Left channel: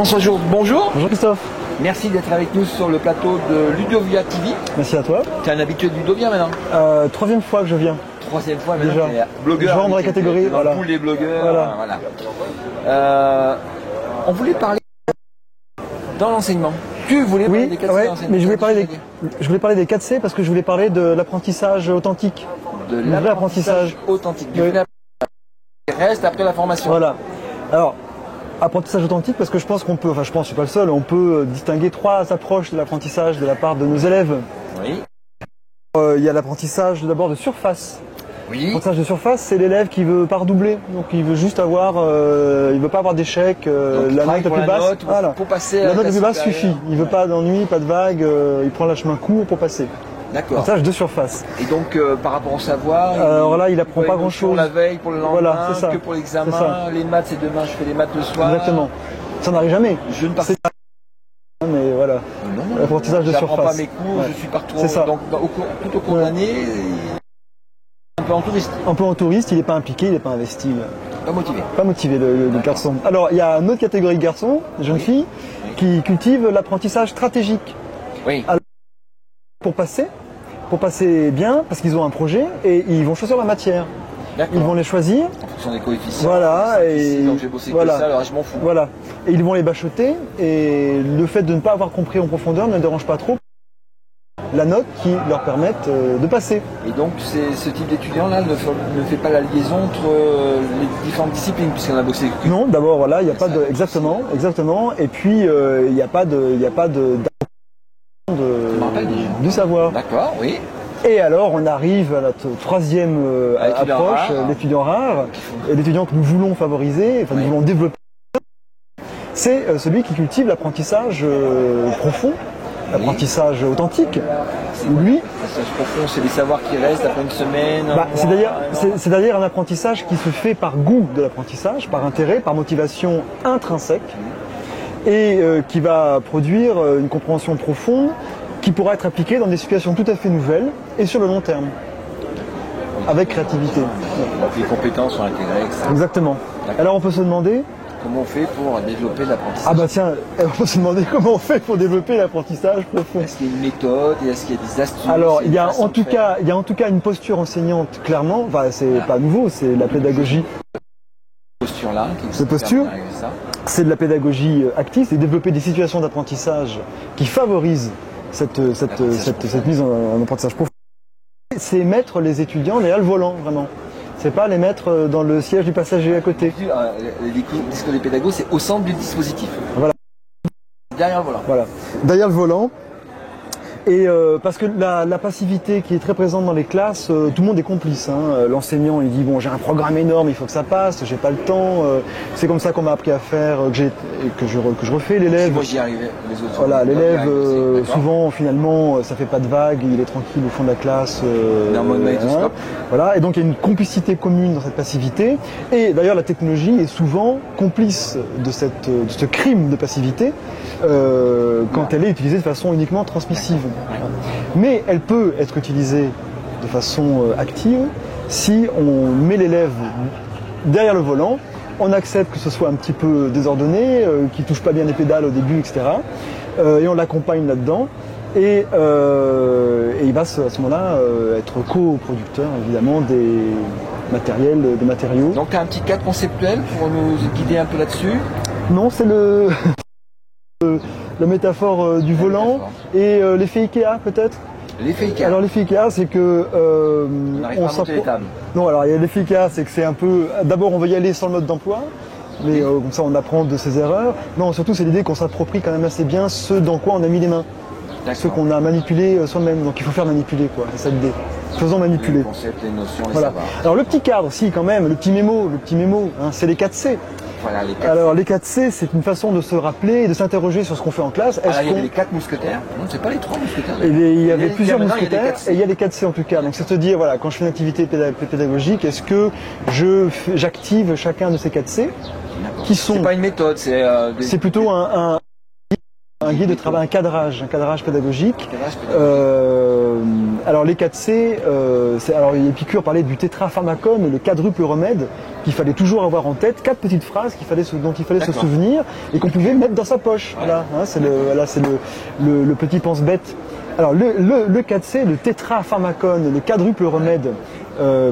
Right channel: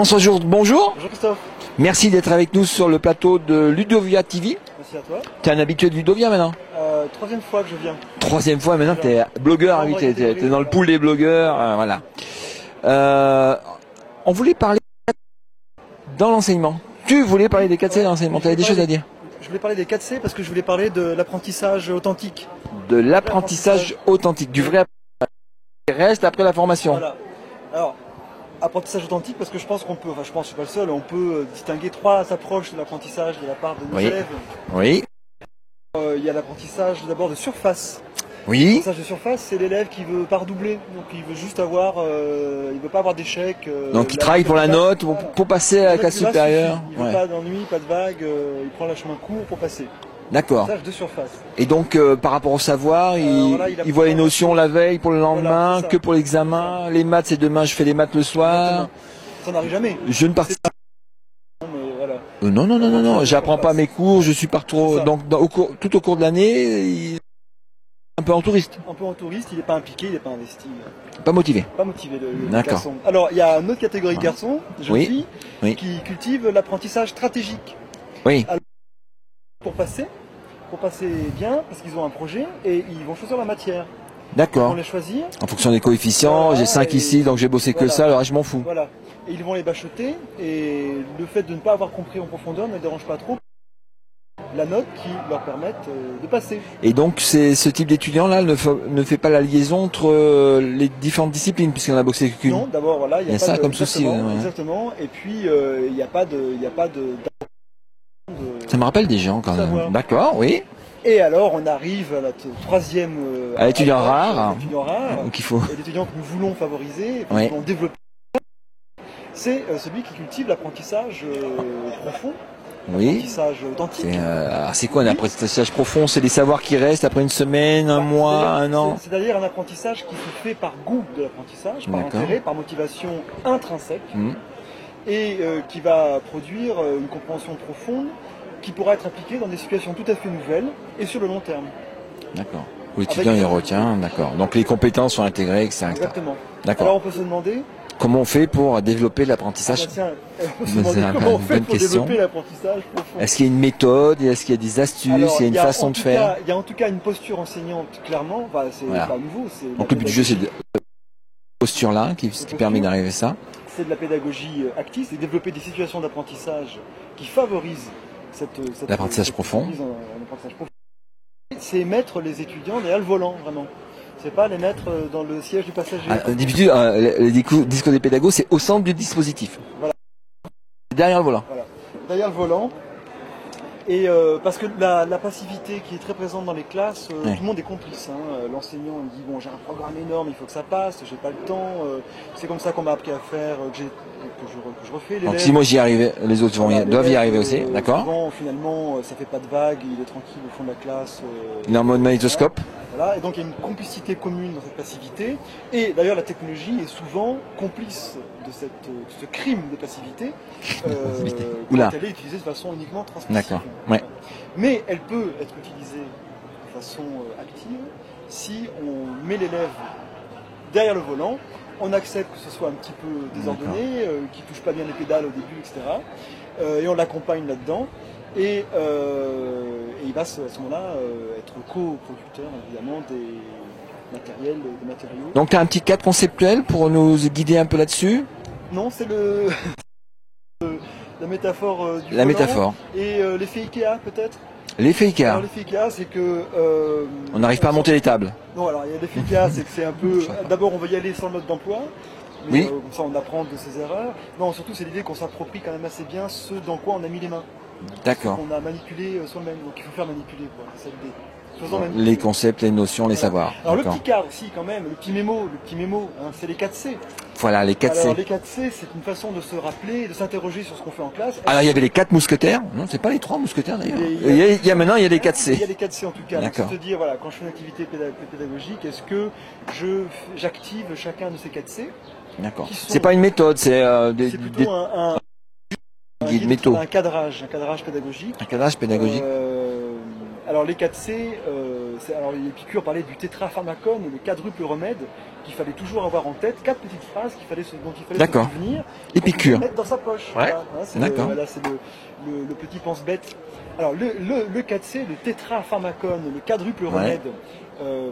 François Jourde, bonjour. Bonjour Christophe. Merci d'être avec nous sur le plateau de Ludovia TV. Merci à toi. Tu es un habitué de Ludovia maintenant? Troisième fois que je viens. Troisième fois, maintenant tu es blogueur invité, tu es dans le pool des blogueurs. Voilà. On voulait parler dans l'enseignement. Tu voulais parler des 4C dans l'enseignement, tu as des choses à dire? Je voulais parler des 4C parce que je voulais parler de l'apprentissage authentique. De l'apprentissage authentique, du vrai apprentissage qui reste après la formation. Voilà. Alors, apprentissage authentique parce que je pense qu'on peut, enfin je pense que c'est pas le seul, on peut distinguer trois approches de l'apprentissage de la part de nos élèves. Oui. Il y a l'apprentissage d'abord de surface. Oui. L'apprentissage de surface, c'est l'élève qui veut pas redoubler, donc il veut juste avoir, il veut pas avoir d'échec. Donc il travaille pour la note, pour passer à la classe supérieure. Il veut pas d'ennui, pas de vague, il prend le chemin court pour passer. D'accord. Apprentissage de surface. Et donc par rapport au savoir, il voit les notions la veille pour le lendemain, que pour l'examen. Les maths c'est demain, je fais les maths le soir. Exactement. Ça n'arrive jamais. Je ne participe pas. Mais voilà. Non, j'apprends pas mes cours, je suis partout. Donc tout au cours de l'année, un peu en touriste. Un peu en touriste, il n'est pas impliqué, il n'est pas investi. Pas motivé. Pas motivé le garçon. Alors il y a une autre catégorie de garçons, jeunes filles, qui cultivent l'apprentissage stratégique. Oui. Alors, pour passer bien, parce qu'ils ont un projet et ils vont choisir la matière. D'accord. Ils vont les choisir. En fonction des coefficients, j'ai 5 ici, donc j'ai bossé que ça, là je m'en fous. Voilà. Et ils vont les bachoter et le fait de ne pas avoir compris en profondeur ne dérange pas trop la note qui leur permette de passer. Et donc ce type d'étudiant-là ne fait pas la liaison entre les différentes disciplines, puisqu'on a bossé que... Non, d'abord voilà, il n'y a pas de... Exactement. Et puis il n'y a pas de... Ça me rappelle des gens. Du savoir. D'accord, oui. Et alors on arrive à notre troisième l'étudiant rare. L'étudiant rare, l'étudiant que nous voulons favoriser, nous voulons développer. C'est celui qui cultive l'apprentissage profond, l'apprentissage authentique. C'est quoi l'apprentissage profond? C'est des savoirs qui restent après une semaine, un mois, un an? C'est-à-dire un apprentissage qui se fait par goût de l'apprentissage, par intérêt, par motivation intrinsèque, et qui va produire une compréhension profonde qui pourra être appliquée dans des situations tout à fait nouvelles et sur le long terme. D'accord. Avec créativité. D'accord. Donc les compétences sont intégrées, etc. Exactement. Alors on peut se demander comment on fait pour développer l'apprentissage. Ah bah tiens, on peut se demander comment on fait pour développer l'apprentissage profond. Est-ce qu'il y a une méthode? Est-ce qu'il y a des astuces? Alors, il y a une façon de faire? Il y a en tout cas une posture enseignante, clairement. Enfin, c'est pas nouveau, c'est la pédagogie. Posture-là qui permet d'arriver à ça. C'est de la pédagogie active, c'est développer des situations d'apprentissage qui favorisent cette mise en apprentissage profond. C'est mettre les étudiants derrière le volant, vraiment. C'est pas les mettre dans le siège du passager à côté. Le discours des pédagogues, c'est au centre du dispositif. Voilà. Derrière le volant. Voilà. Derrière le volant. Et parce que la passivité qui est très présente dans les classes, tout le monde est complice. L'enseignant il dit bon j'ai un programme énorme, il faut que ça passe, j'ai pas le temps. C'est comme ça qu'on m'a appris à faire, que je refais. L'élève. Si moi j'y arrivais, les autres doivent y arriver aussi. Souvent finalement ça fait pas de vague, il est tranquille au fond de la classe. Il est en mode magnétoscope. Voilà. Et donc il y a une complicité commune dans cette passivité. Et d'ailleurs la technologie est souvent complice de ce crime de passivité quand elle est utilisée de façon uniquement transmissive. Ouais. Mais elle peut être utilisée de façon active si on met l'élève derrière le volant, on accepte que ce soit un petit peu désordonné, qu'il ne touche pas bien les pédales au début, etc. Et on l'accompagne là-dedans. Et il va à ce moment-là être coproducteur évidemment des matériaux. Donc tu as un petit cadre conceptuel pour nous guider un peu là-dessus? Non, c'est la métaphore du volant et l'effet Ikea peut-être. L'effet Ikea. Alors l'effet Ikea c'est que... on n'arrive pas à monter les tables. Non, alors il y a l'effet Ikea, c'est que c'est un peu... D'abord on va y aller sans mode d'emploi, mais comme ça on apprend de ses erreurs. Non, surtout c'est l'idée qu'on s'approprie quand même assez bien ce dans quoi on a mis les mains. Ce qu'on a manipulé soi-même, donc il faut faire manipuler quoi, c'est ça l'idée. Faisons manipuler. Les concepts, les notions, les savoirs. Alors le petit cadre aussi quand même, le petit mémo, c'est les 4C. Voilà, les 4C. Alors les 4C, c'est une façon de se rappeler et de s'interroger sur ce qu'on fait en classe. Alors il y avait les 4 mousquetaires. Non, c'est pas les 3 mousquetaires. Maintenant il y a des 4C. Il y a des 4C en tout cas. Donc c'est te dire, voilà, quand je fais une activité pédagogique, est-ce que j'active chacun de ces 4C? Qui sont... C'est pas une méthode, c'est plutôt un cadrage pédagogique. Un cadrage pédagogique. Alors les 4C, alors Épicure parlait du tétrapharmacum, le quadruple remède. qu'il fallait toujours avoir en tête, 4 petites phrases dont il fallait se souvenir et qu'on pouvait mettre dans sa poche. Ouais. Voilà, hein, c'est le petit pense-bête. Alors le 4C, le tétrapharmacone, le quadruple remède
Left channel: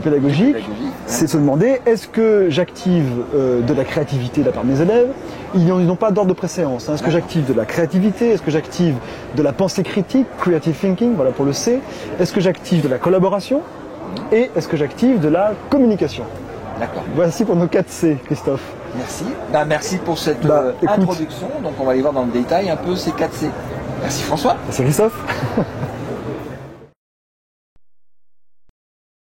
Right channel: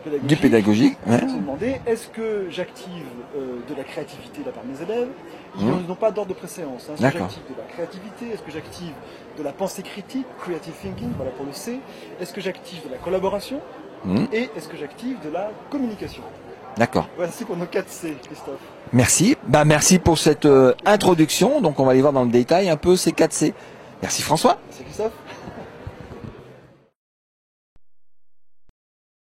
pédagogique, c'est de se demander, est-ce que j'active de la créativité de la part de mes élèves? Ils n'ont pas d'ordre de préséance. Hein. Est-ce que j'active de la créativité? Est-ce que j'active de la pensée critique, creative thinking, voilà pour le C? Est-ce que j'active de la collaboration? Et est-ce que j'active de la communication? D'accord. Voici pour nos 4C, Christophe. Merci. Merci pour cette introduction. Donc on va aller voir dans le détail un peu ces 4C. Merci François. Merci Christophe.